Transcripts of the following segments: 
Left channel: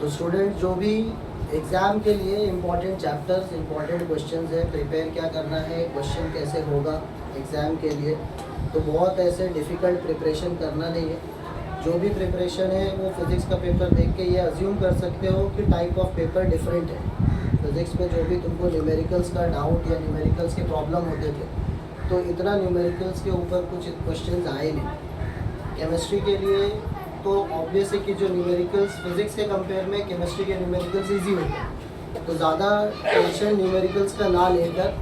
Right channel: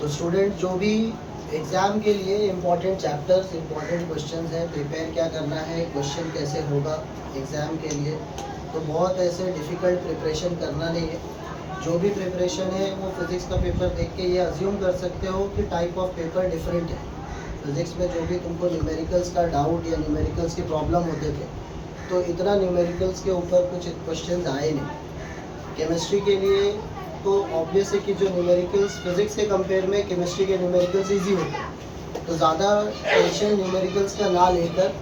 तो स्टूडेंट जो भी एग्ज़ाम के लिए इम्पॉर्टेंट चैप्टर्स, इम्पॉर्टेंट क्वेश्चंस है, प्रिपेयर क्या करना है, क्वेश्चन कैसे होगा एग्ज़ाम के लिए, तो बहुत ऐसे डिफ़िकल्ट प्रिपरेशन करना नहीं है। जो भी प्रिपरेशन है वो फिज़िक्स का पेपर देख के ये अज्यूम कर सकते हो कि टाइप ऑफ पेपर डिफरेंट है। फिज़िक्स में जो भी तुमको न्यूमेरिकल्स का डाउट या न्यूमेरिकल्स के प्रॉब्लम होते थे, तो इतना न्यूमेरिकल्स के ऊपर कुछ क्वेश्चंस आए नहीं। केमिस्ट्री के लिए तो ऑब्वियस है कि जो न्यूमेरिकल्स फिज़िक्स के कंपेयर में केमिस्ट्री के न्यूमेरिकल्स इजी होते हैं, तो ज़्यादा टेंशन न्यूमेरिकल्स का ना लेकर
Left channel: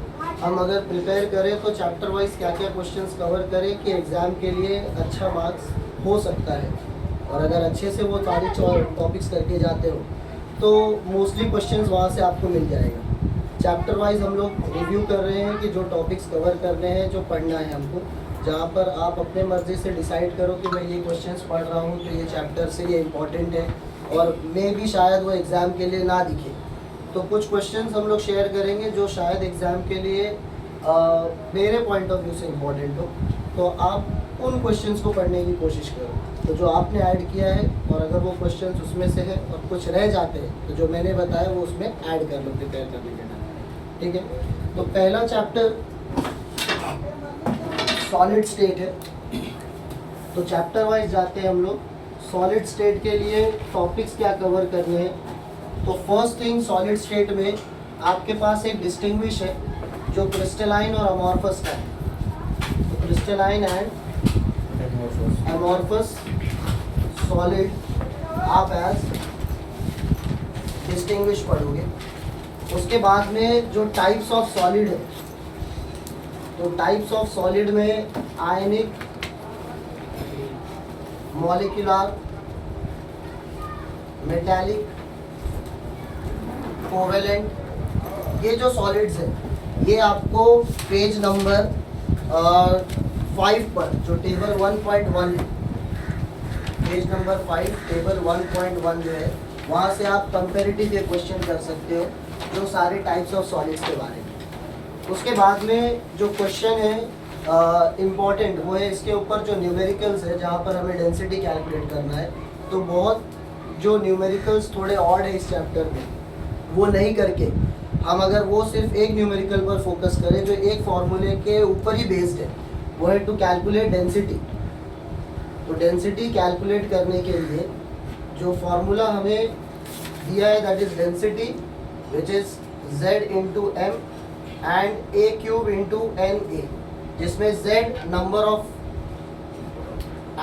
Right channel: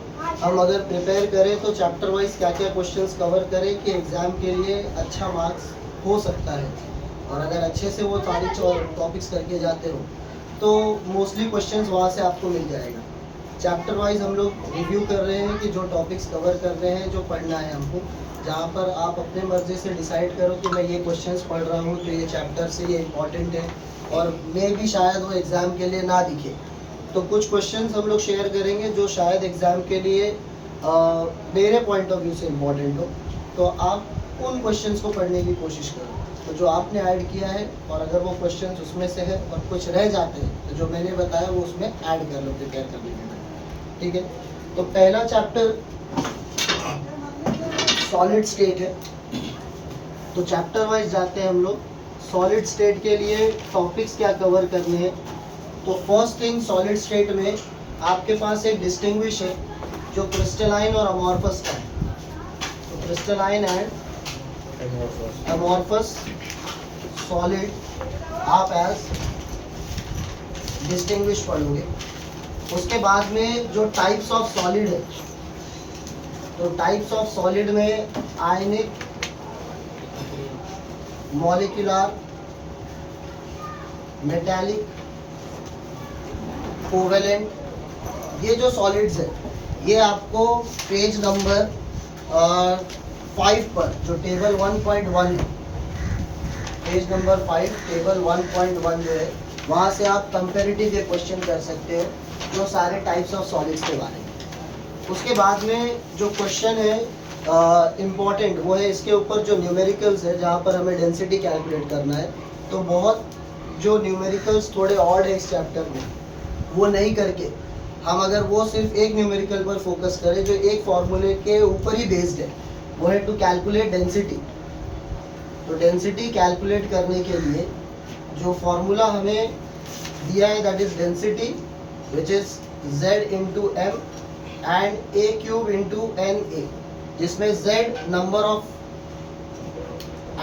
हम अगर प्रिपेयर करें तो चैप्टर वाइज क्या क्या क्वेश्चंस कवर करें कि एग्ज़ाम के लिए अच्छा मार्क्स हो सकता है। और अगर अच्छे से वो सारी टॉपिक्स करके जाते हो तो मोस्टली क्वेश्चंस वहाँ से आपको मिल जाएगा। चैप्टर वाइज हम लोग रिव्यू कर रहे हैं कि जो टॉपिक्स कवर कर रहे हैं, जो पढ़ना है हमको, जहाँ पर आप अपने मर्ज़ी से डिसाइड करो कि मैं ये क्वेश्चंस पढ़ रहा हूँ तो ये चैप्टर से ये इम्पॉर्टेंट है और मे भी शायद वो एग्ज़ाम के लिए ना दिखे। तो कुछ क्वेश्चंस हम लोग शेयर करेंगे जो शायद एग्ज़ाम के लिए मेरे पॉइंट ऑफ व्यू से इम्पॉर्टेंट हो, तो आप उन क्वेश्चंस को पढ़ने की कोशिश करो। तो जो आपने ऐड किया है और अगर वो क्वेश्चंस उसमें से है और कुछ रह जाते हैं तो जो मैंने बताया वो उसमें ऐड कर लो प्रिपेयर करने के टाइम, ठीक है। तो पहला चैप्टर सॉलिड स्टेट है, तो चैप्टर वाइज जाते हैं हम लोग। सॉलिड स्टेट के लिए टॉपिक्स क्या कवर करने हैं, तो फर्स्ट थिंग सॉलिड स्टेट में आपके पास एक डिस्टिंग्विश है जो क्रिस्टलाइन और अमॉर्फस का है। तो क्रिस्टलाइन एंड अमॉर्फस सॉलिड आप एज डिस्टिंग्विश पढ़ोगे। उसके बाद में जो टाइप्स ऑफ सॉलिड है, तो टाइप्स ऑफ सॉलिड में आयनिक, मॉलिक्यूलर, मेटालिक, कोवेलेंट, ये जो सॉलिड्स है ये आपको पेज नंबर 5 पर जो टेबल 1.1 है, पेज नंबर 5 टेबल 1.1 जो है वहाँ से आप कंपेरेटिव ये क्वेश्चन कर सकते हो जो सारे टाइप्स ऑफ सॉलिड्स के बारे में। उसके बाद में जो क्वेश्चन है इम्पॉर्टेंट वो है इसके ऊपर जो न्यूमेरिकल्स है, जहाँ पर हमें डेंसिटी कैलकुलेट करना है। तो बहुत जो न्यूमेरिकल्स थोड़े ऑड है इस चैप्टर में, वो नहीं करके हम अगर वो सिर्फ एक न्यूमेरिकल पर फोकस करें जो एक फॉर्मूले के ऊपर ही बेस्ड है, वो है टू कैलकुलेट डेंसिटी। तो डेंसिटी कैलकुलेट करने के लिए जो फॉर्मूला हमें दिया है that is density which is z into M and a cube into N A, जिसमें z नंबर ऑफ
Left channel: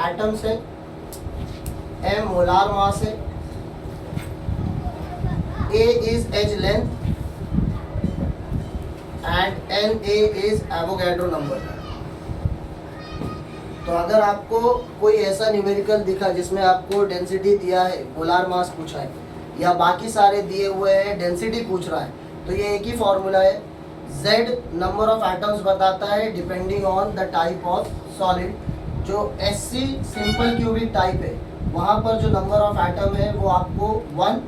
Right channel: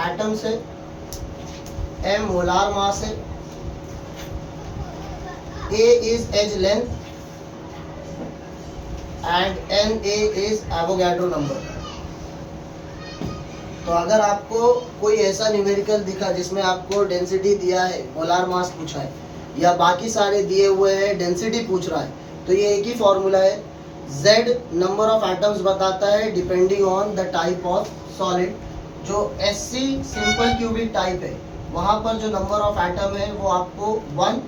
एटम्स है, m मोलार मास है, a is edge length and N A is Avogadro number. तो अगर आपको कोई ऐसा numerical दिखा जिसमें आपको डेंसिटी दिया है, मोलार मास पूछा है या बाकी सारे दिए हुए हैं डेंसिटी पूछ रहा है, तो ये एक ही फॉर्मूला है। Z नंबर ऑफ एटम्स बताता है depending on the type of solid. जो SC सिंपल क्यूबिक टाइप है वहाँ पर जो नंबर ऑफ एटम है वो आपको 1,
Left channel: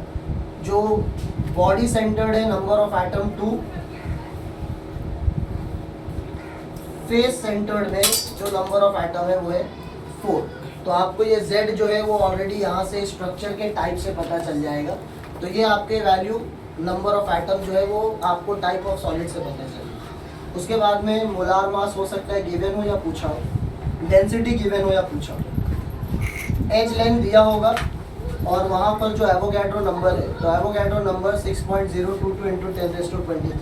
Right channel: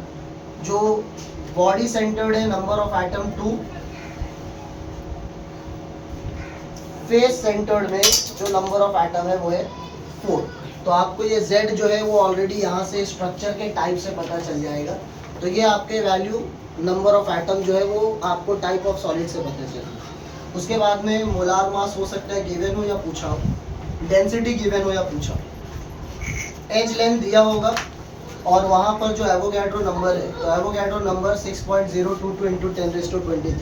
जो बॉडी सेंटर्ड है number of atom 2, face centred में जो नंबर ऑफ एटम है वो है 4। तो आपको ये Z जो है वो ऑलरेडी यहाँ से स्ट्रक्चर के टाइप से पता चल जाएगा। तो ये आपके वैल्यू नंबर ऑफ एटम जो है वो आपको टाइप ऑफ सॉलिड से पता चलेगा। उसके बाद में मोलार मास हो सकता है गिवन हो या पूछा हो, डेंसिटी गिवन हो या पूछा हो, एज लेंथ दिया होगा और वहाँ पर जो एवोगैड्रो नंबर है, तो एवोगैड्रो नंबर 6.022 इंटू 10⁻23।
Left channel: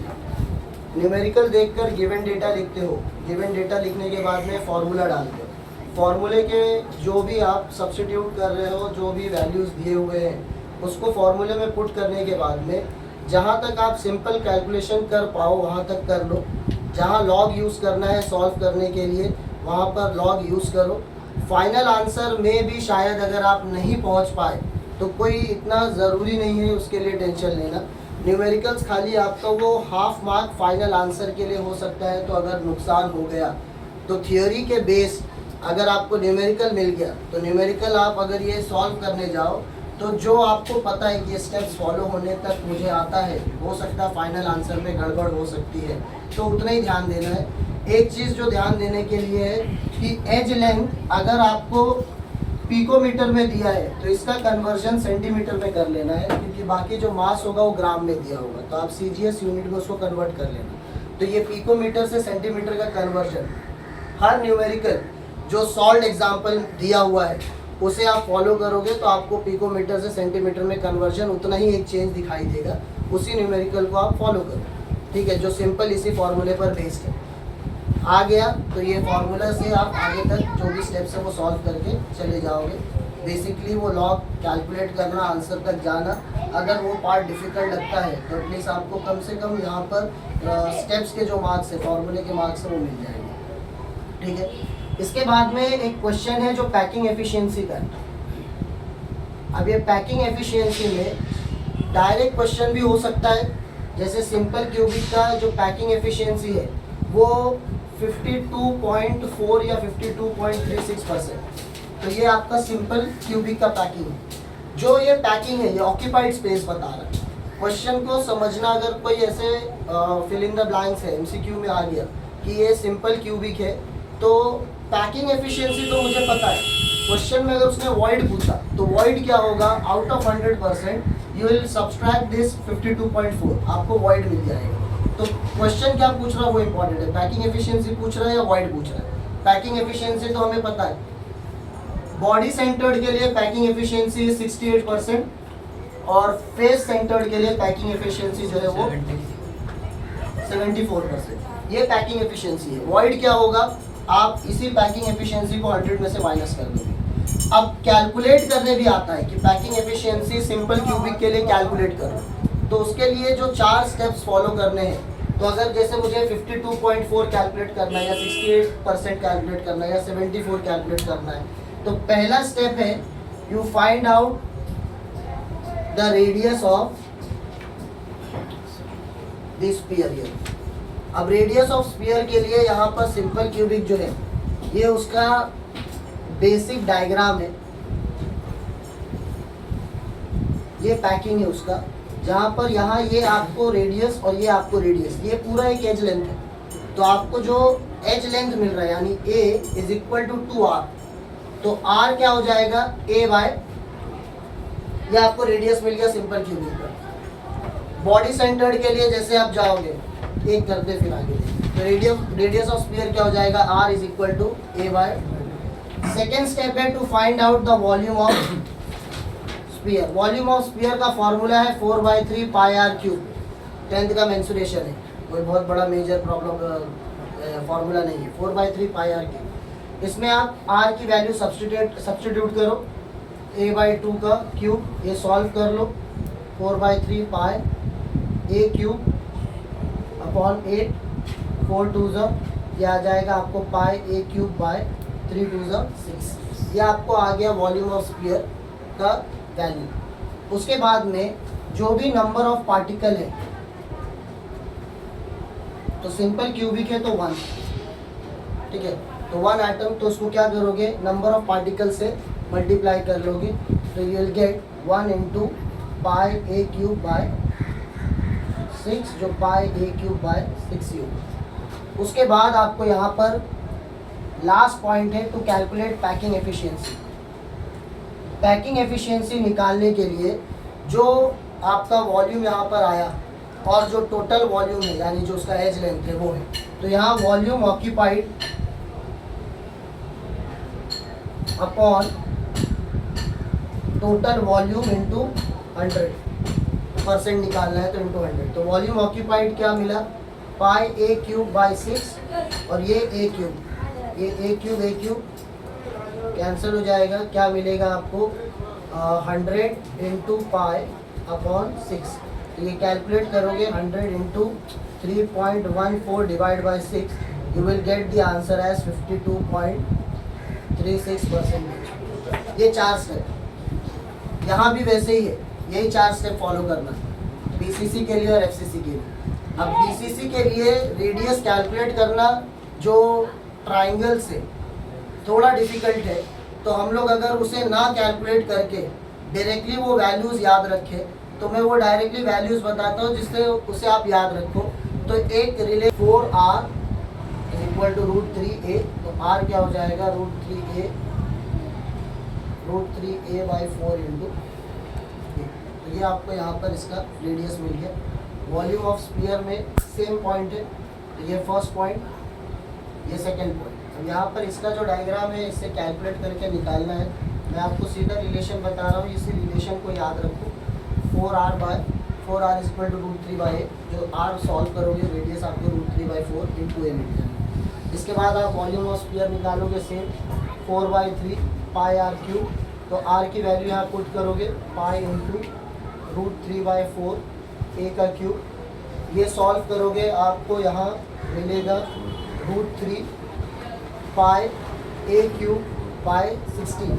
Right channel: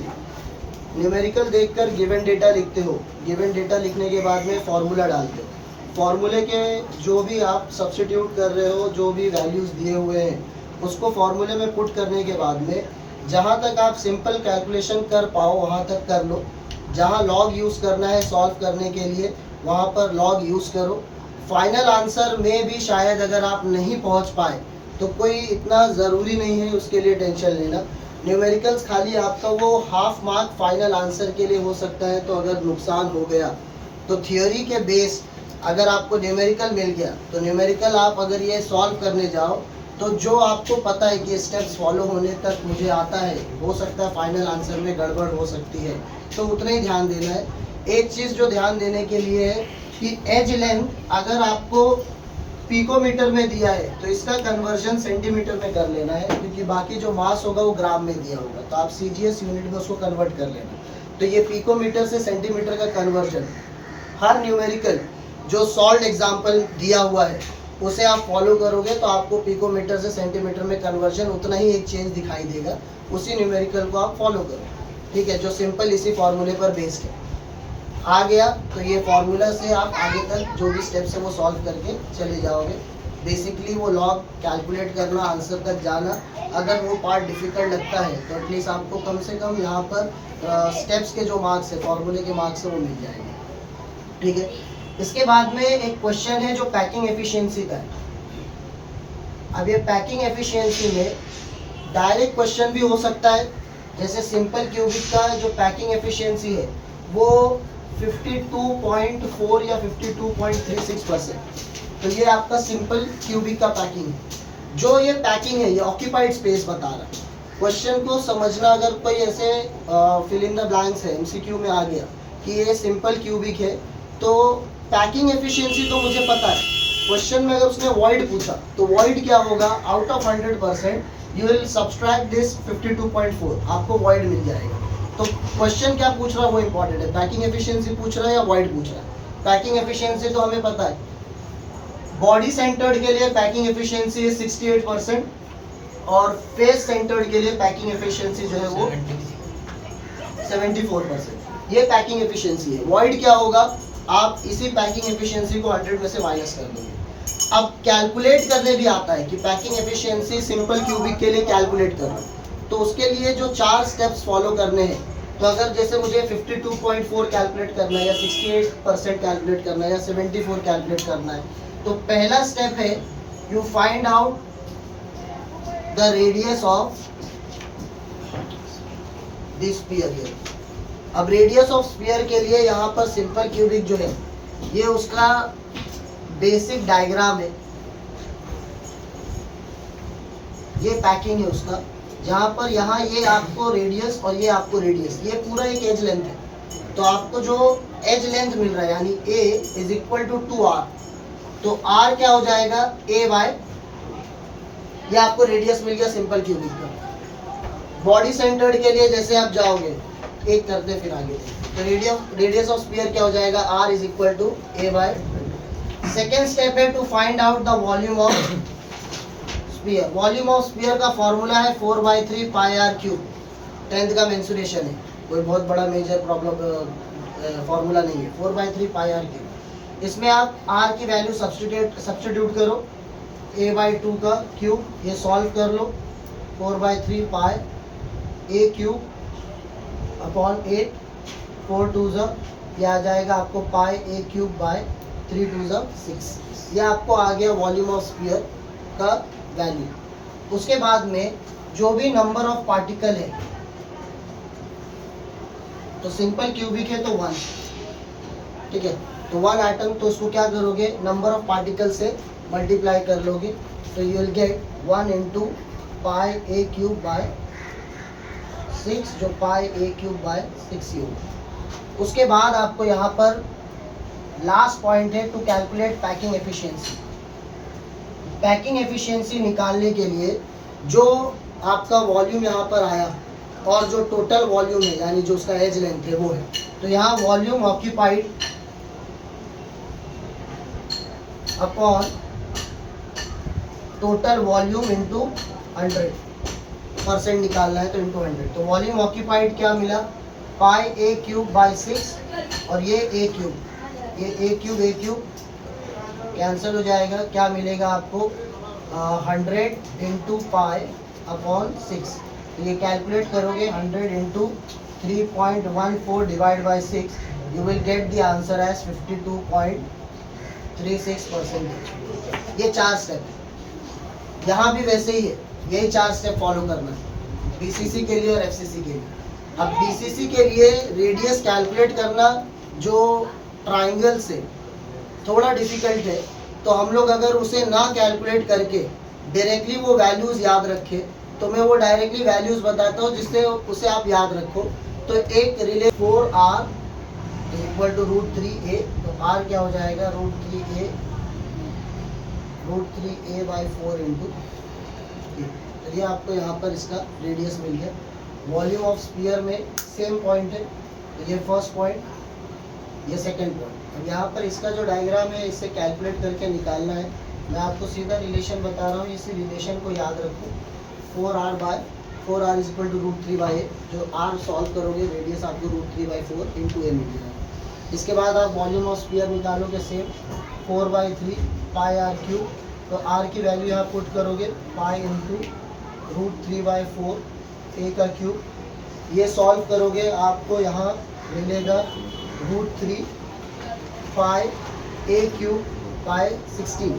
न्यूमेरिकल देखकर गिवन डेटा लिखते हो, गिवन डेटा लिखने के बाद में फॉर्मूला डालते हो। फॉर्मूले के जो भी आप सब्स्टिट्यूट कर रहे हो, जो भी वैल्यूज़ दिए हुए हैं उसको फॉर्मूले में पुट करने के बाद में जहाँ तक आप सिंपल कैलकुलेशन कर पाओ वहाँ तक कर लो। जहाँ लॉग यूज़ करना है सॉल्व करने के लिए वहाँ पर लॉग यूज़ करो। फाइनल आंसर में भी शायद अगर आप नहीं पहुँच पाए तो कोई इतना ज़रूरी नहीं है उसके लिए टेंशन लेना। न्यूमेरिकल्स खाली आपका वो हाफ मार्क फाइनल आंसर के लिए हो सकता है, तो अगर नुकसान हो गया तो थियोरी के बेस अगर आपको न्यूमेरिकल मिल गया तो न्यूमेरिकल आप अगर ये सॉल्व करने जाओ तो जो आपको पता है कि स्टेप्स फॉलो होने तक मुझे आता है, हो सकता है फाइनल आंसर में गड़बड़ हो सकती है, तो उतना ही ध्यान देना है। एक चीज़ जो ध्यान देने के लिए है कि एज लेंथ अगर आपको पिकोमीटर में दिया है तो इसका कन्वर्जन सेंटीमीटर में कर लेना है, क्योंकि बाकी जो मास होगा वो ग्राम में दिया होगा, तो आप सीजीएस यूनिट में उसको कन्वर्ट कर लेना। तो ये पिकोमीटर से सेंटीमीटर का कन्वर्जन, हर न्यूमेरिकल जो सॉल्व एग्जाम्पल दिया हुआ है उसे आप फॉलो करोगे तो आपको पिकोमीटर से सेंटीमीटर में कन्वर्जन उतना ही एक चेंज दिखाई देगा, उसी न्यूमेरिकल को आप फॉलो करो, ठीक है, जो सिंपल इसी फॉर्मूले पर बेस्ड है। आ गया तो ये फार्मूला से आप आगे तक जो भी स्टेप्स है वो सॉल्व करके चले जाओगे। बेसिकली वो लॉग कैलकुलेट करना, आंसर तक जाना, अगर वो पार्ट डिफिकल्ट लगता है तो एटलीस्ट आपको कम से कम यहाँ पर स्टेप्स के जो मार्क्स है, फार्मूले के मार्क्स है वो मिल जाएंगे, ठीक है। इसके बाद में एक क्वेश्चन है जो पैकिंग एफिशिएंसी का है। अब ये पैकिंग एफिशिएंसी में डायरेक्ट क्वेश्चन भी हो सकता है, जैसे सिंपल क्यूबिक का जो पैकिंग एफिशिएंसी है वो 52.4 या 52.36%, तो ये आपका सिंपल क्यूबिक का पैकिंग है। जो ये पैकिंग है ये ऑक्यूपाइड स्पेस बता रहा है। क्वेश्चन को समझना, अगर कोई ऐसे फिल इन द ब्लैंक्स है, एमसीक्यू में आ गया कि ये सिंपल क्यूबिक है तो पैकिंग एफिशिएंसी तो मुझे पता है, क्वेश्चन में अगर उसने वॉइड पूछा तो वॉइड क्या होगा, out of 100% you will subtract this 52.4, आपको वॉइड मिल जाएगा। तो क्वेश्चन क्या पूछ रहा है वो इंपॉर्टेंट है, पैकिंग एफिशिएंसी पूछ रहा है या वॉइड पूछ रहा है। पैकिंग एफिशिएंसी तो हमें पता है, बॉडी सेंटर्ड के लिए पैकिंग एफिशिएंसी 68% और फेस सेंटर्ड के लिए पैकिंग एफिशिएंसी जो है वो 74%। ये पैकिंग एफिशिएंसी है। वॉइड क्या होगा, आप इसी पैकिंग एफिशिएंसी को 100 में से माइनस कर दोगे। अब कैलकुलेट करने भी आता है कि पैकिंग एफिशिएंसी सिंपल क्यूबिक के लिए कैलकुलेट करो, तो उसके लिए जो 4 स्टेप्स फॉलो करने हैं, तो अगर जैसे मुझे 52.4 कैलकुलेट करना है या 68% कैलकुलेट करना है या 74 कैलकुलेट करना है, तो पहला स्टेप है you find out the radius of this sphere here. अब रेडियस ऑफ स्फीयर के लिए यहाँ पर सिंपल क्यूबिक जो है ये उसका बेसिक डायग्राम है, ये पैकिंग है उसका, जहाँ पर यहाँ ये आपको रेडियस और ये आपको रेडियस, ये पूरा एक एज लेंथ है। तो आपको जो एज लेंथ मिल रहा है यानी a is equal to 2r, तो r क्या हो जाएगा a बाय, ये आपको रेडियस मिल गया सिंपल क्यूबिक का। बॉडी सेंटर्ड के लिए जैसे आप जाओगे एक करते फिर आगे, तो रेडियस ऑफ स्फीयर क्या हो जाएगा r is equal to a बाय। सेकेंड स्टेप है to find out the volume of sphere. Volume of sphere का फॉर्मूला है 4/3 पाई r क्यूब, 10th का मेंसुरेशन है, कोई बहुत बड़ा मेजर प्रॉब्लम फॉर्मूला नहीं है, 4/3 पाई r क्यूब। इसमें आप r की वैल्यू सब्स्टिट्यूट करो, a/2 का क्यूब, ये सॉल्व कर लो, 4/3 पाई a क्यूब अपॉन 8, 4 2 ये आ जाएगा आपको पाई a क्यूब बाय 3 2 6, ये आपको आ गया वॉल्यूम ऑफ स्फीयर का वैल्यू। उसके बाद में जो भी नंबर ऑफ पार्टिकल है, तो सिंपल क्यूबिक है तो 1, ठीक है, तो 1 एटम, तो उसको क्या करोगे नंबर ऑफ पार्टिकल से मल्टीप्लाई कर लोगे, तो you will get 1 into pi a cube by 6, जो पाई a क्यूब बाय 6 ही होगा। उसके बाद आपको यहाँ पर लास्ट पॉइंट है to calculate packing efficiency. Packing efficiency निकालने के लिए जो आपका वॉल्यूम यहाँ पर आया और जो टोटल वॉल्यूम है यानी जो उसका एज लेंथ है वो है, तो यहाँ volume occupied upon total volume into 100% निकालना है, तो इंटू 100, तो वॉल्यूम ऑक्यूपाइड क्या मिला, पाई a क्यूब बाई 6 और ये a क्यूब, ये a क्यूब कैंसिल हो जाएगा, क्या मिलेगा आपको 100 इंटू पाई अपॉन 6, तो ये कैलकुलेट करोगे 100 into 3.14 divide by 6, you will get the answer as 52.36%। ये 4 स्टेप यहाँ भी वैसे ही है, यही 4 स्टेप फॉलो करना है बीसीसी के लिए और एफसीसी के लिए। अब बीसीसी के लिए रेडियस कैलकुलेट करना जो ट्राइंगल से थोड़ा डिफिकल्ट है, तो हम लोग अगर उसे ना कैलकुलेट करके डायरेक्टली वो वैल्यूज़ याद रखें, तो मैं वो डायरेक्टली वैल्यूज़ बताता हूँ जिससे उसे आप याद रखो। तो एक relay 4r equal to √3a, तो r क्या हो जाएगा √3a √3a/4 इंटू ए। तो ये आपको यहाँ पर इसका रेडियस मिल गया। वॉल्यूम ऑफ स्फीयर में सेम पॉइंट है, तो ये फर्स्ट पॉइंट, ये सेकंड पॉइंट। अब यहाँ पर इसका जो डायग्राम है इससे कैलकुलेट करके निकालना है। मैं आपको सीधा रिलेशन बता रहा हूँ, इस रिलेशन को याद रखो। 4r is equal to √3/a, जो r सॉल्व करोगे रेडियस आपको √3/4 इंटू ए मिल जाएगा। इसके बाद आप वॉल्यूम ऑफ स्फीयर निकालोगे सेम 4/3 πr3। तो r की वैल्यू यहाँ पुट करोगे पाई इंटू √3/4 a का क्यूब। ये सॉल्व करोगे आपको यहाँ मिलेगा √3 पाई a क्यूब बाय 16।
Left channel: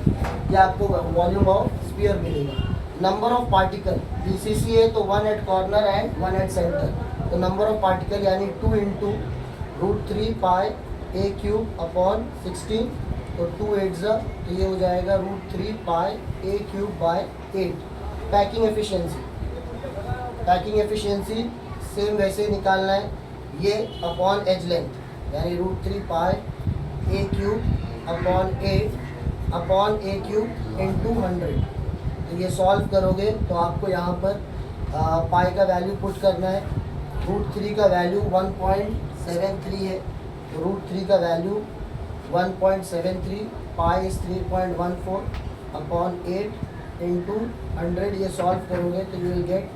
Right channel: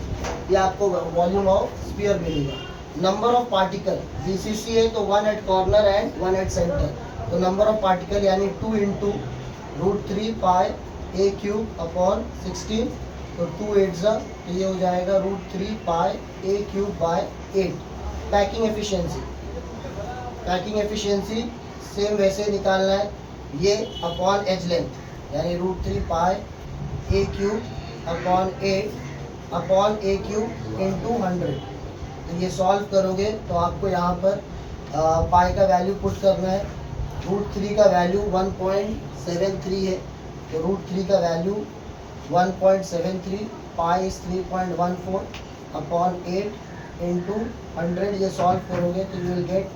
ये आपको वॉल्यूम ऑफ स्फीयर मिलेगा। नंबर ऑफ पार्टिकल BCC है तो 1 at corner and 1 at centre, तो नंबर ऑफ पार्टिकल यानी 2 into √3 pi a cube upon 16, तो 2 8 जा, तो ये हो जाएगा √3 pi a cube bye 8। Packing efficiency same वैसे ही निकालना है, ये अपॉन एज लेंथ यानी √3 pi a cube upon 8 upon a cube into 100। तो ये सॉल्व करोगे तो आपको यहाँ पर पाई का वैल्यू पुट करना है। √3 का वैल्यू 1.73 है, तो √3 का value 1.73, pi is 3.14 upon 8 into 100। ये सॉल्व करोगे तो यू विल गेट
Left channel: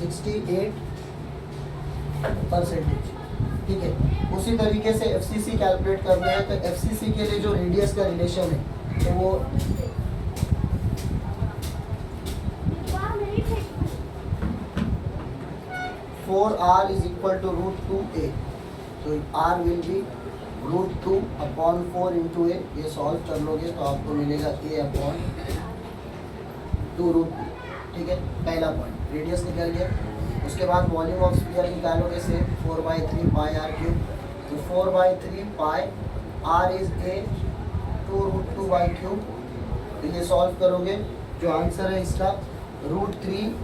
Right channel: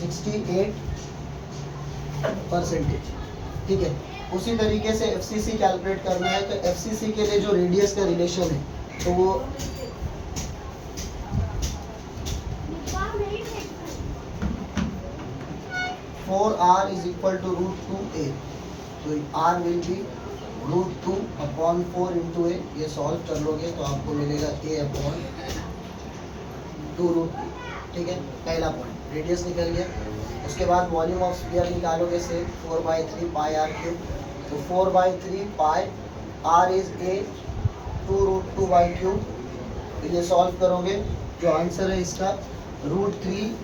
68%। ठीक है, उसी तरीके से FCC कैलकुलेट करना है। तो FCC के लिए जो रेडियस का रिलेशन है तो वो 4r is equal to √2a, तो r will be √2 upon 4 into a। ये सॉल्व कर लोगे तो आपको मिलेगा a अपॉन 2√2। ठीक है, पहला पॉइंट रेडियस निकल गया। उसके बाद वॉल्यूम ऑफ स्फीयर निकालोगे से 4/3 पाई r क्यूब, तो 4/3 पाई r इज a 2√2/3। तो ये सॉल्व करोगे, जो आंसर है इसका √3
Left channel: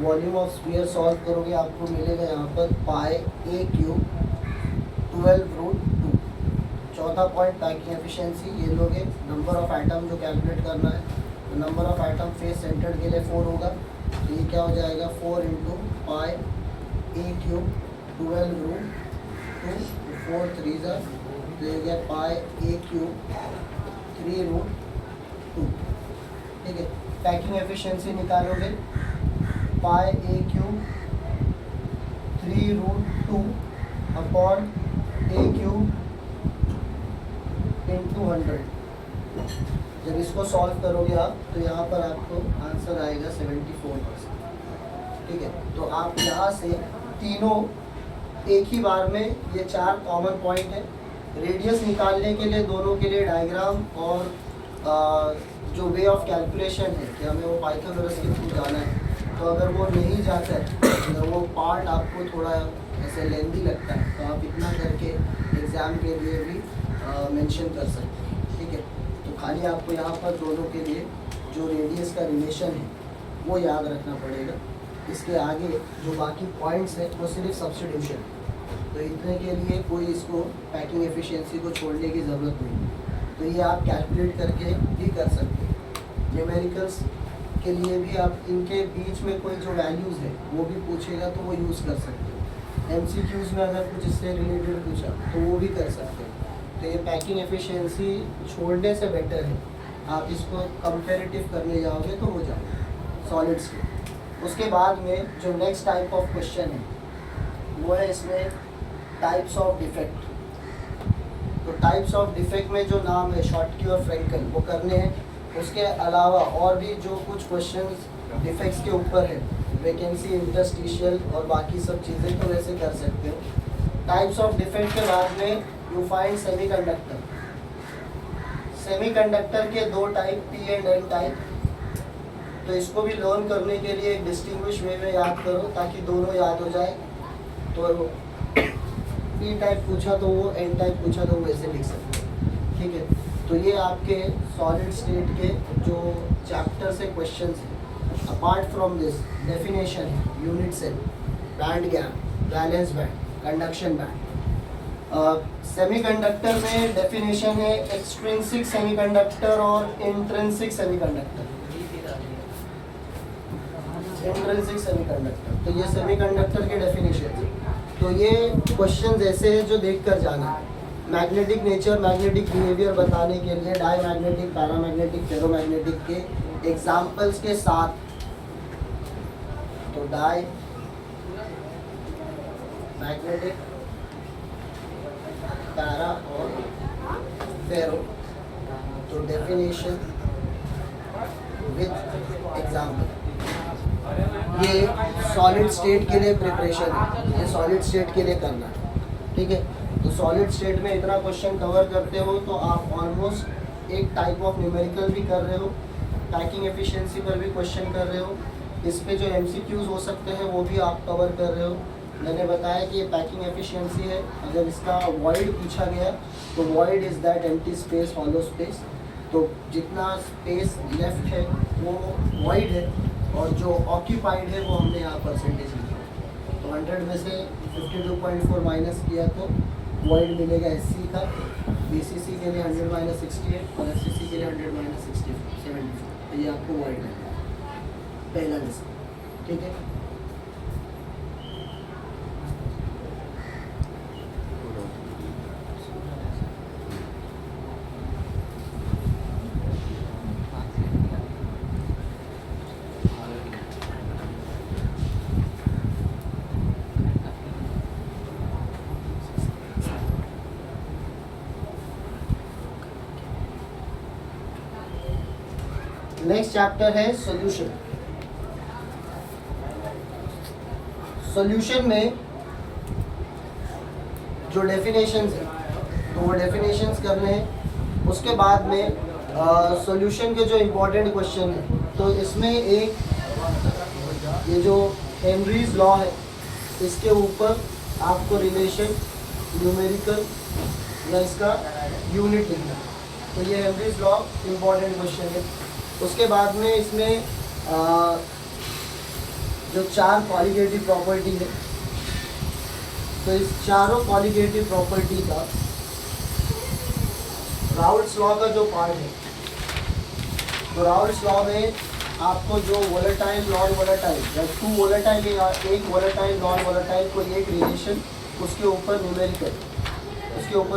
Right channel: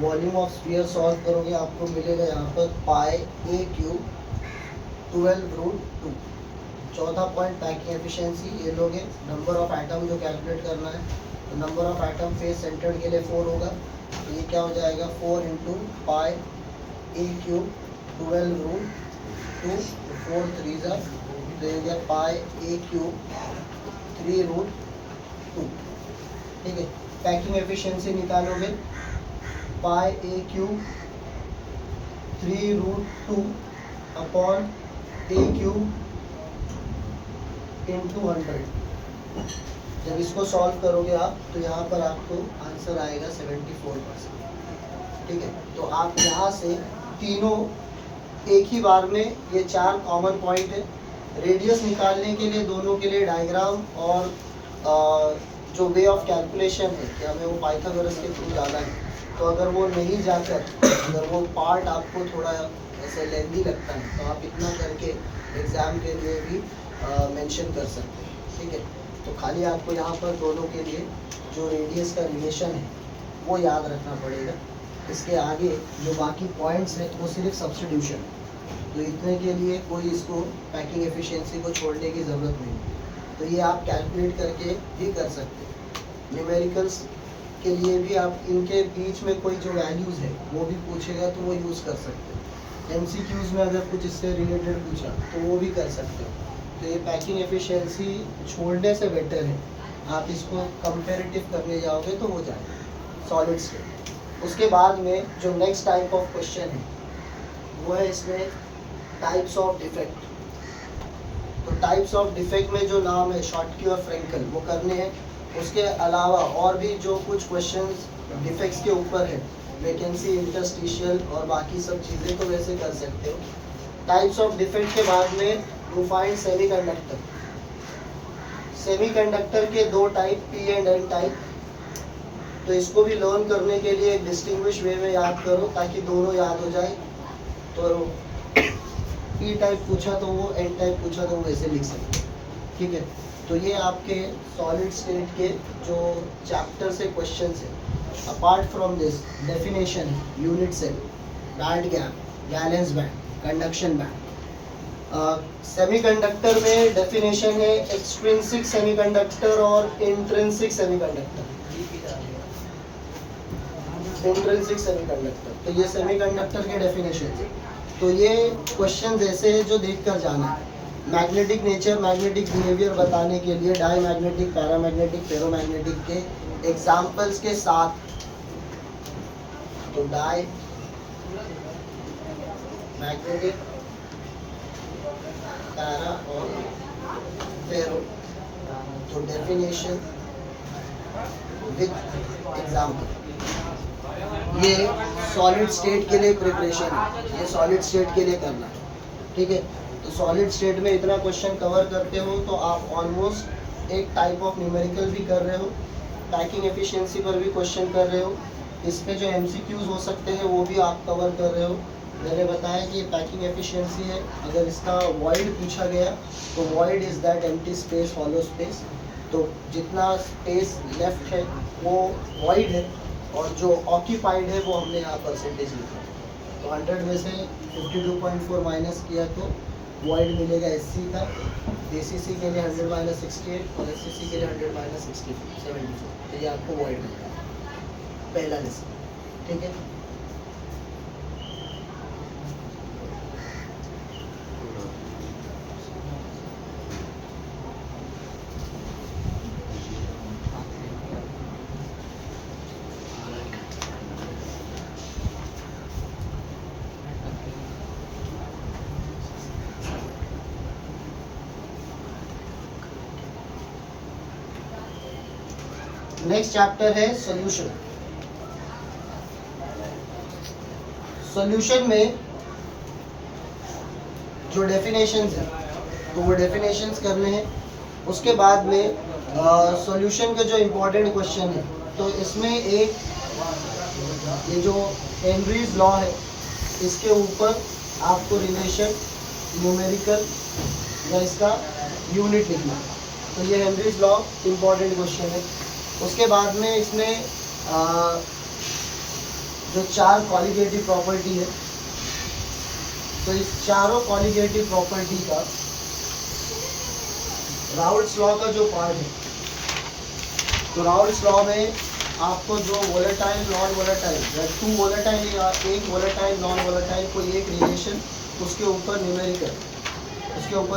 वॉल्यूम ऑफ स्फीयर सॉल्व करोगे आपको मिलेगा यहाँ पर पाई a क्यूब 12√2। चौथा पॉइंट पैकिंग एफिशिएंसी, ये लोगे नंबर ऑफ एटम जो कैलकुलेट करना है, तो number of atom face centred के लिए 4 होगा, तो ये क्या हो जाएगा 4 इंटू पाई a क्यूब 12√2, 4 3 जा, तो ये गया पाई a क्यूब 3√2। ठीक है, पैकिंग एफिशिएंसी निकालोगे पाई a cube 3√2 upon a cube into 100। जब इसको सॉल्व करोगे आप तो यहाँ पर आपको आंसर आएगा 74%। ठीक है, तो आप यहाँ से तीनों एक ही बार में, ये 4 कॉमन पॉइंट है। रेडियस निकालने के लिए दोनों के लिए डायग्राम और जो वे ऑफ कैलकुलेशन है कि हमें वो पाइथागोरस के थ्रू जाना है, तो अगर वो नहीं जाकर, अगर वो पार्ट आपको थोड़ा ऐसे लेंदी लगता है तो आप इतना करके एग्ज़ाम के लिए भी मेंशन कर सकते हैं। ठीक है, तो खाली आपको यहाँ पर दोनों के लिए जो रेडियस का रिलेशन है वो याद रखना पड़ेगा। इसके आगे जो बाकी पॉइंट्स हैं वो सिर्फ सब्स्टिट्यूशन, तो इतने के लिए कोई इसको पैकिंग एफिशिएंसी को छोड़ने की ज़रूरत नहीं है। तो ये आप कैलकुलेट करके भी कर सकते हैं। न्यूमेरिकल्स के लिए भी आप इनके बीच में कोई जो वैल्यूज़ है वो भी पूछेगा तो वो यूज़ कर सकते हैं। MCQs में अगर कुछ इससे रिलेटेड पूछा तो वो भी कर सकते हो। तो ये पैकिंग एफिशिएंसी छोड़ने से बेटर है, आप इसको कंपेरेटिव करने जाओगे तो हो जाएगा सॉलिड्स के। उसके बाद में जो नेक्स्ट टाइप ऑफ क्वेश्चन है वो है इसमें टाइप्स ऑफ डिफेक्ट। तो टाइप्स ऑफ डिफेक्ट में जो नाम है शॉर्टकी और फ्रेंकल वो करने हैं। उसके अलावा और भी जो कुछ क्वेश्चंस डिफेक्ट्स के ऊपर है, वैकेंसी, इंटरस्टिशियल और बाकी सब चीज़ें, तो वैसे कर सकते हो। टाइप्स ऑफ डिफेक्ट के बाद में यू फाइंड सेमीकंडक्टर। सेमीकंडक्टर के 2 type, P and N type. तो इसको भी लर्न करने के लिए एक डिस्टिंग्विश वे में याद करो ताकि दोनों याद हो जाए। तो P टाइप पूछा तो वो, N टाइप पूछा तो वो वैसे लिख सकते हो। ठीक है, तो ये आपके सॉलिड स्टेट के जो चैप्टर से क्वेश्चंस हैं। अपार्ट फ्रॉम दिस डेफिनेशन है unit cell, band gap, valence band, conduction band. Semiconductor में डेफिनेशन है एक्सट्रिंसिक सेमीकंडक्टर और इंट्रिंसिक सेमीकंडक्टर। इंट्रिंसिक सेमीकंडक्टर, तो ये सेमीकंडक्टर के डेफिनेशन है। तो ये क्वेश्चन ऐसे हैं जो देख कर जाना है। मैग्नेटिक नेचर, मैग्नेटिक बिहेवियर बताने के लिए डायमैग्नेटिक, पैरामैग्नेटिक, फेरोमैग्नेटिक के एग्जाम्पल्स के साथ, तो डाई मैग्नेटिक, पैरा और फेरो, तो डेफिनेशन विद एग्जाम्पल। ये सॉलिड स्टेट के लिए प्रिपरेशन है, ये सॉलिड स्टेट के लिए करना है, ठीक है। तो सॉलिड स्टेट में इतना क्वेश्चन कवर करते हो तो आप ऑलमोस्ट एक टाइप ऑफ न्यूमेरिकल भी कर रहे हो, पैकिंग एफिशिएंसी पर भी क्वेश्चन कर रहे हो, इस पे जो एमसीक्यूज हो सकते हैं वो भी आप कवर कर रहे हो। मैंने बताया कि ये पैकिंग एफिशिएंसी है। अगर इसका वॉइड पूछा गया तो void is that empty space, hollow space, तो जितना स्पेस लेफ्ट है वो वॉइड है और जो ऑक्यूपाइड है वो हमने यहाँ परसेंटेज लिखा। तो 100 में से 52.4 माइनस किया तो वॉइड मिलेगा एससी का, बीसीसी के लिए 100 माइनस 68 और एससीसी के लिए 100 माइनस 74। तो ये आपको वॉइड मिलेगा पहला लेसन, ठीक है। नेक्स्ट चैप्टर है सॉल्यूशन। सॉल्यूशन में जो डेफिनेशंस है तो वो डेफिनेशंस करने हैं। उसके बाद में सॉल्यूशन के जो इम्पोर्टेंट क्वेश्चन है, तो इसमें एक ये जो हेनरीज लॉ है इसके ऊपर आपको रिलेशन, न्यूमेरिकल या इसका यूनिट लिखना। तो ये हेनरीज लॉ इम्पोर्टेंट क्वेश्चन है। उसके बाद में इसमें जो 4 कॉलिगेटिव प्रॉपर्टी है, तो इस चारों कॉलिगेटिव प्रॉपर्टी का राउल्ट्स लॉ का जो पार्ट है, तो राउल्ट्स लॉ में आपको जो volatile, non volatile, two volatile या एक वोलेटाइल, नॉन वोलेटाइल कोई एक रिलेशन, उसके ऊपर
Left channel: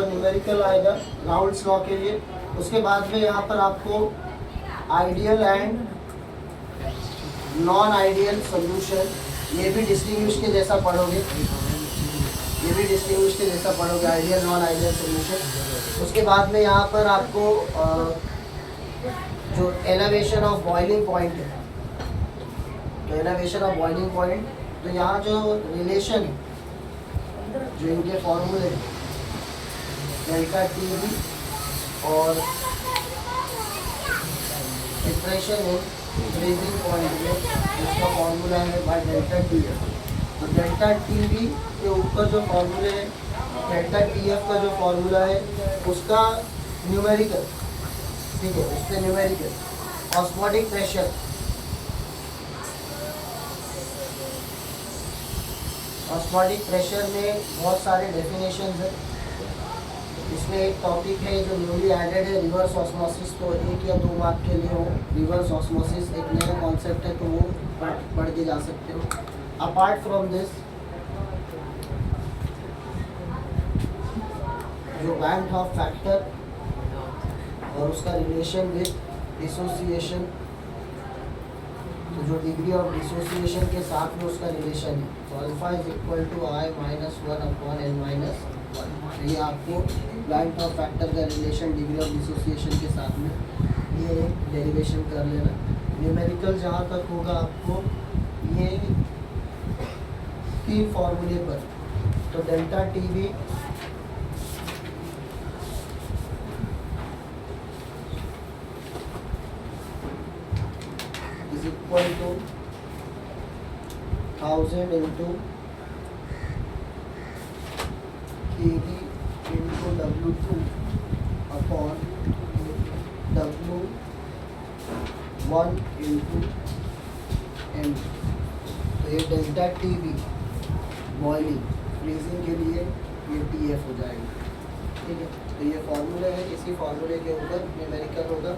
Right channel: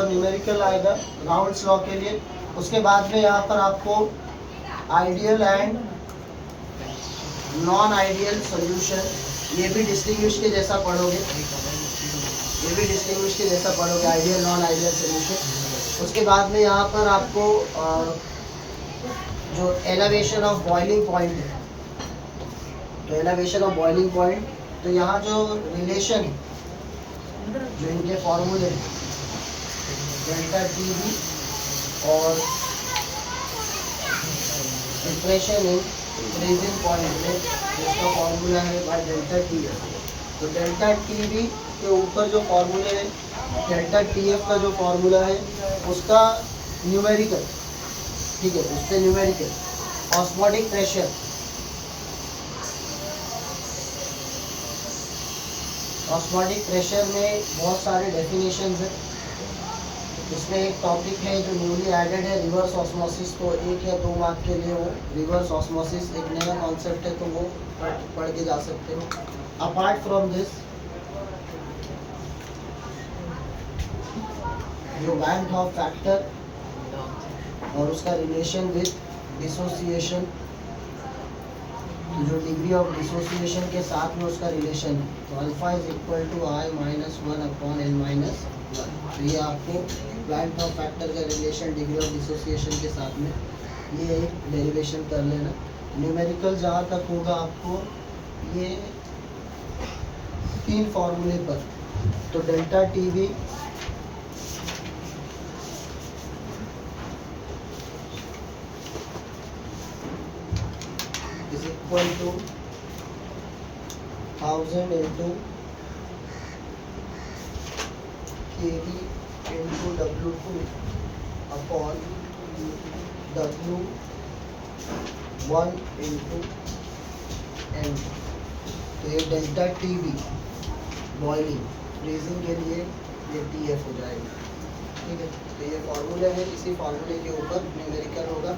न्यूमेरिकल आएगा राउल्ट्स लॉ के लिए। उसके बाद में यहाँ पर आपको ideal and non ideal solution, ये भी डिस्टिंग्विश के जैसा पढ़ोगे, आइडियल नॉन आइडियल सॉल्यूशन। उसके बाद में यहाँ पर आपको जो एलिवेशन ऑफ बॉइलिंग पॉइंट है, तो एलिवेशन ऑफ बॉइलिंग पॉइंट, तो यहाँ जो रिलेशन जो इनके फॉर्मूले हैं डेल्टा टी बी और डिप्रेशन इन फ्रीजिंग पॉइंट में, इसका फॉर्मूला है बाय डेल्टा टी एफ। तो डेल्टा टी बी के ऊपर जो फॉर्मूले हैं, डेल्टा टी एफ का जो फॉर्मूला है उसका न्यूमेरिकल, ठीक है, उस पर numerical. Osmotic pressure, osmotic pressure में बहुत सारे डेफिनेशंस हैं। इसमें एक टॉपिक है जो न्यूली एडेड है, रिवर्स ऑस्मोसिस। तो 1 या 2 मार्क के लिए वो रिवर्स ऑस्मोसिस एक नया कॉन्सेप्ट है, तो वो पढ़ के जा सकते हो। अपार्ट फ्रॉम दिस जो बैंड हॉफ फैक्टर और उसका रिलेशन विद डिसोसिएशन, तो जो डिग्री ऑफ डिसोसिएशन के साथ में उसका रिलेशन है, तो alpha is equal to i minus 1/n-1। तो ये आपको बैंड ऑफ फैक्टर का रिलेशन डिग्री ऑफ डिसोसिएशन के साथ में ये एक डेरिवेशन कर लेना। न्यूमेरिकल जहाँ तक होगा आपको ये 3 फॉर्मूले पर, तो delta T B is equal to 1000 into kg into W2 upon W1 into end. तो ये delta T B boiling, freezing के लिए ये टी एफ हो जाएगा, ठीक है। तो ये फार्मूला है, इसी फार्मूले के ऊपर न्यूमेरिकल होगा।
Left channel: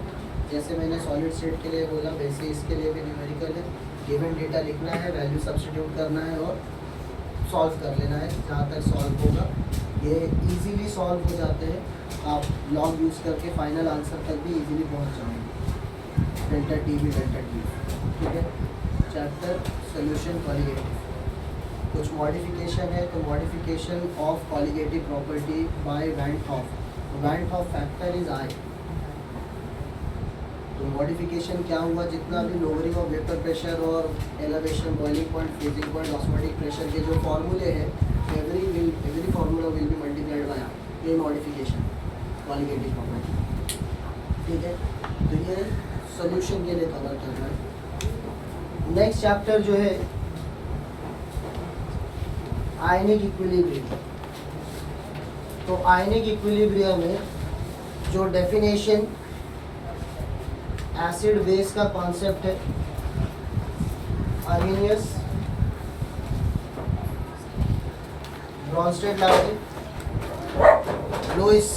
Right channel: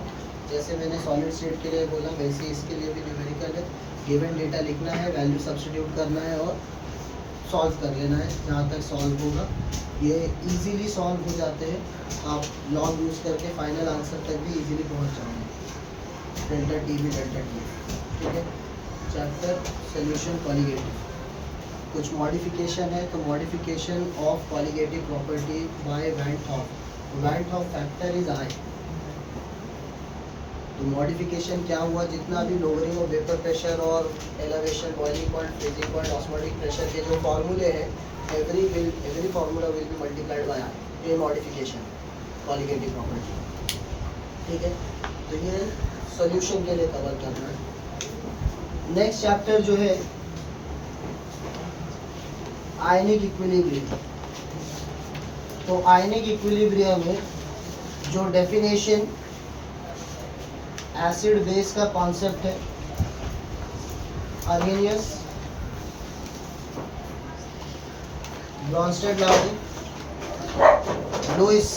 जैसे मैंने सॉलिड स्टेट के लिए बोला वैसे इसके लिए भी न्यूमेरिकल है। गिवन डेटा लिखना है, वैल्यू सब्स्टिट्यूट करना है और सॉल्व कर लेना है जहाँ तक सॉल्व होगा। ये इजीली सॉल्व हो जाते हैं, आप लॉग यूज़ करके फाइनल आंसर तक भी इजीली पहुँच जाओगे। Delta T B delta T, ठीक है। चैप्टर सोल्यूशन कॉलिगेटिव, कुछ मॉडिफिकेशन है। तो modification of colligative property by Van't Hoff. Van't Hoff factor is I. तो मॉडिफिकेशन क्या हुआ, जितना भी लोअरिंग ऑफ वेपर प्रेशर और elevation, boiling point, freezing point, osmotic pressure के जो फार्मूले हैं, every formula will be multiplied by I. ये मॉडिफिकेशन कॉलिगेटिव प्रॉपर्टी, ठीक है। तो ये सॉल्यूशन के लिए कवर करना है। नेक्स्ट चैप्टर जो है आयनिक इक्विलिब्रियम। तो आयनिक इक्विलिब्रियम में जो डेफिनेशन एसिड बेस का कॉन्सेप्ट है, Arrhenius, Bronsted Lowry, Lewis,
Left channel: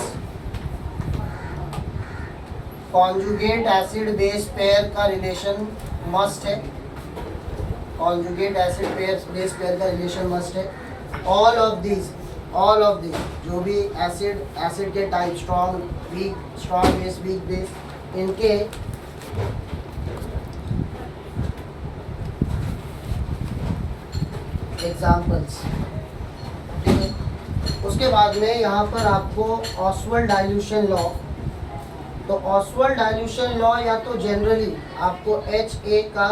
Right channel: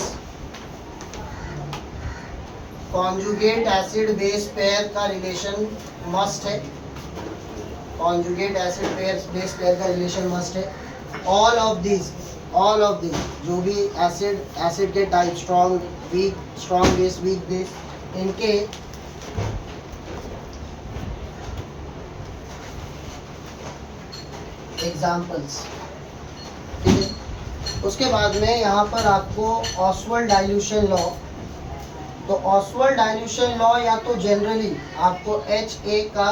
conjugate acid base pair का रिलेशन मस्ट है। कॉन्जुगेट एसिड बेस पेयर का रिलेशन मस्ट है। ऑल ऑफ दिस जो भी एसिड के type, strong base, weak base, इनके एग्जाम्पल्स, ठीक है। उसके बाद में यहाँ पर आपको ऑसवाल्ड डाइल्यूशन लॉ। तो ऑसवाल्ड डाइल्यूशन लॉ या तो जनरली आपको HA का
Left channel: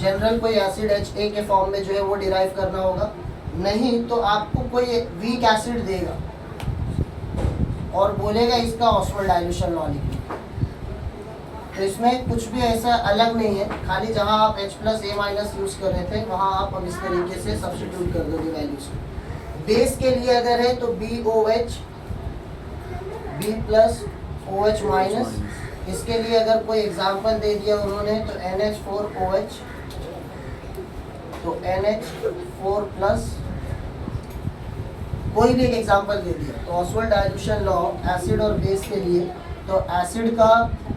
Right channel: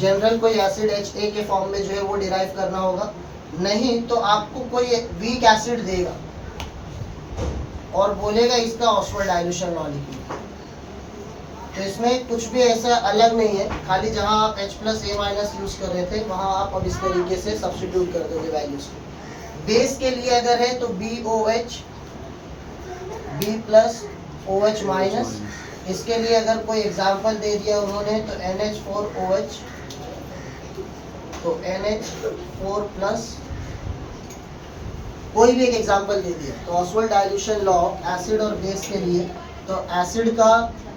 जनरल कोई एसिड HA के फॉर्म में जो है वो डिराइव करना होगा, नहीं तो आपको कोई वीक एसिड देगा और बोलेगा इसका ऑसवाल्ड डाइल्यूशन लॉ लिखिए। तो इसमें कुछ भी ऐसा अलग नहीं है, खाली जहां आप H+A- यूज कर रहे थे वहां आप अब इस तरीके से सब्स्टिट्यूट कर दोगे वैल्यूज। बेस के लिए अगर है तो BOH, B+OH-। इसके लिए अगर कोई एग्जांपल दे दिया उन्होंने तो NH4OH, तो NH4+, कोई भी एक एग्जांपल दे दिया। तो ऑसवाल्ड डाइल्यूशन लॉ एसिड और बेस के लिए, तो एसिड का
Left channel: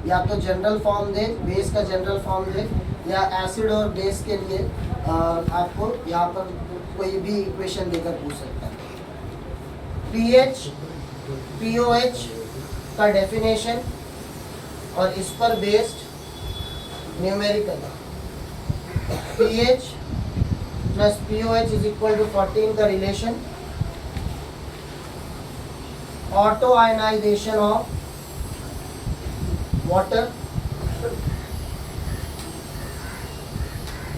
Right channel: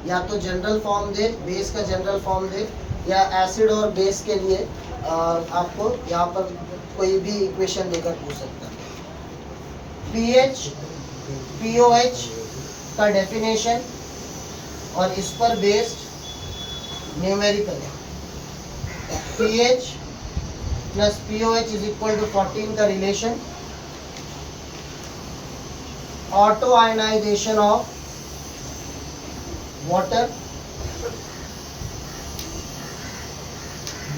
या तो जनरल फॉर्म दे, बेस का जनरल फॉर्म दे, या एसिड और बेस के लिए आपको यहाँ पर कोई भी इक्वेशन देकर पूछ सकता है। POH का डेफिनेशन और इस पर based numerical. pH plus POH is equal to 14 का रिलेशन। Auto ionisation of water,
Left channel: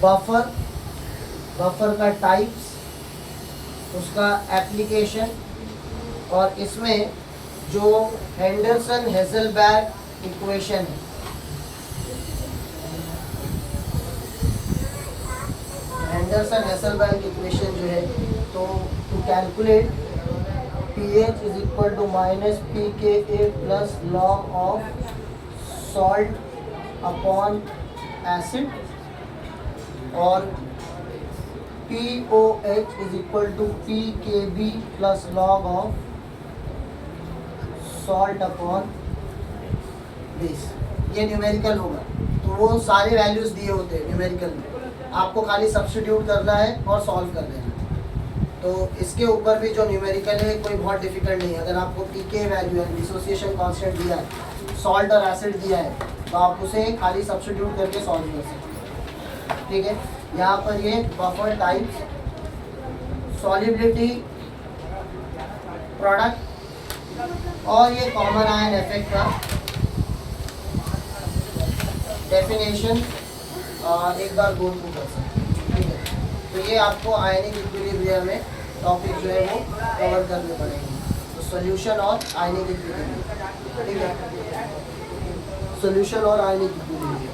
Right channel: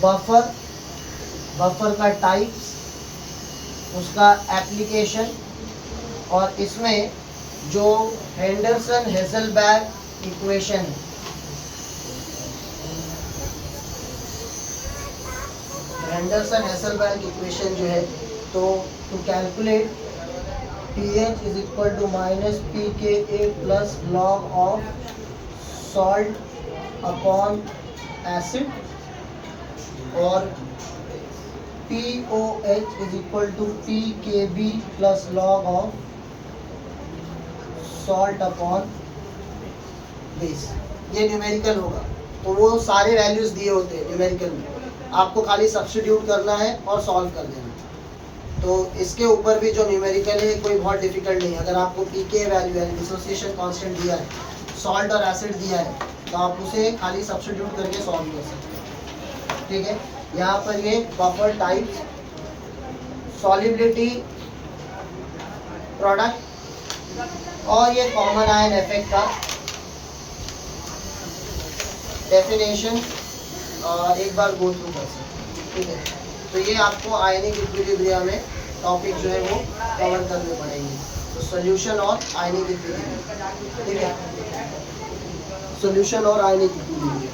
buffer का टाइप्स, उसका एप्लीकेशन, और इसमें जो हेंडरसन-हेज़लबैग इक्वेशन है, हेंडरसन-हेज़लबैग इक्वेशन जो है, तो to calculate pH is equal to -pKa plus log of salt upon acid, और POH is equal to pKb plus log of salt upon base. ये न्यूमेरिकल होगा। तो वो सारे वैल्यूज दिए होते हैं न्यूमेरिकल में, आपको खाली सब्स्टिट्यूट करना है और सॉल्व कर देना। तो इसके ऊपर भी जो न्यूमेरिकल है कोई बहुत डिफिकल्ट नहीं है। अगर आपको pK वैल्यू यानी डिसोसिएशन कांस्टेंट दिया है, सॉल्ट और एसिड दिया है, तो आप उसे खाली सब्स्टिट्यूट करके सॉल्व कर सकते हैं, ठीक है। यहाँ पर ये बफर टाइप्स, सॉल्युबिलिटी, प्रोडक्ट और ये कॉमन आयन इफेक्ट का डेफिनेशन एक बार गो थ्रू कर सकते हैं, ठीक है। तो ये आपको आयनिक इक्विलिब्रियम में टॉपिक जो है वो कवर करने पड़ेंगे। तो सॉल्यूशन और आयनिक इक्विलिब्रियम, ठीक है, सॉल्यूशन और आयनिक इक्विलिब्रियम।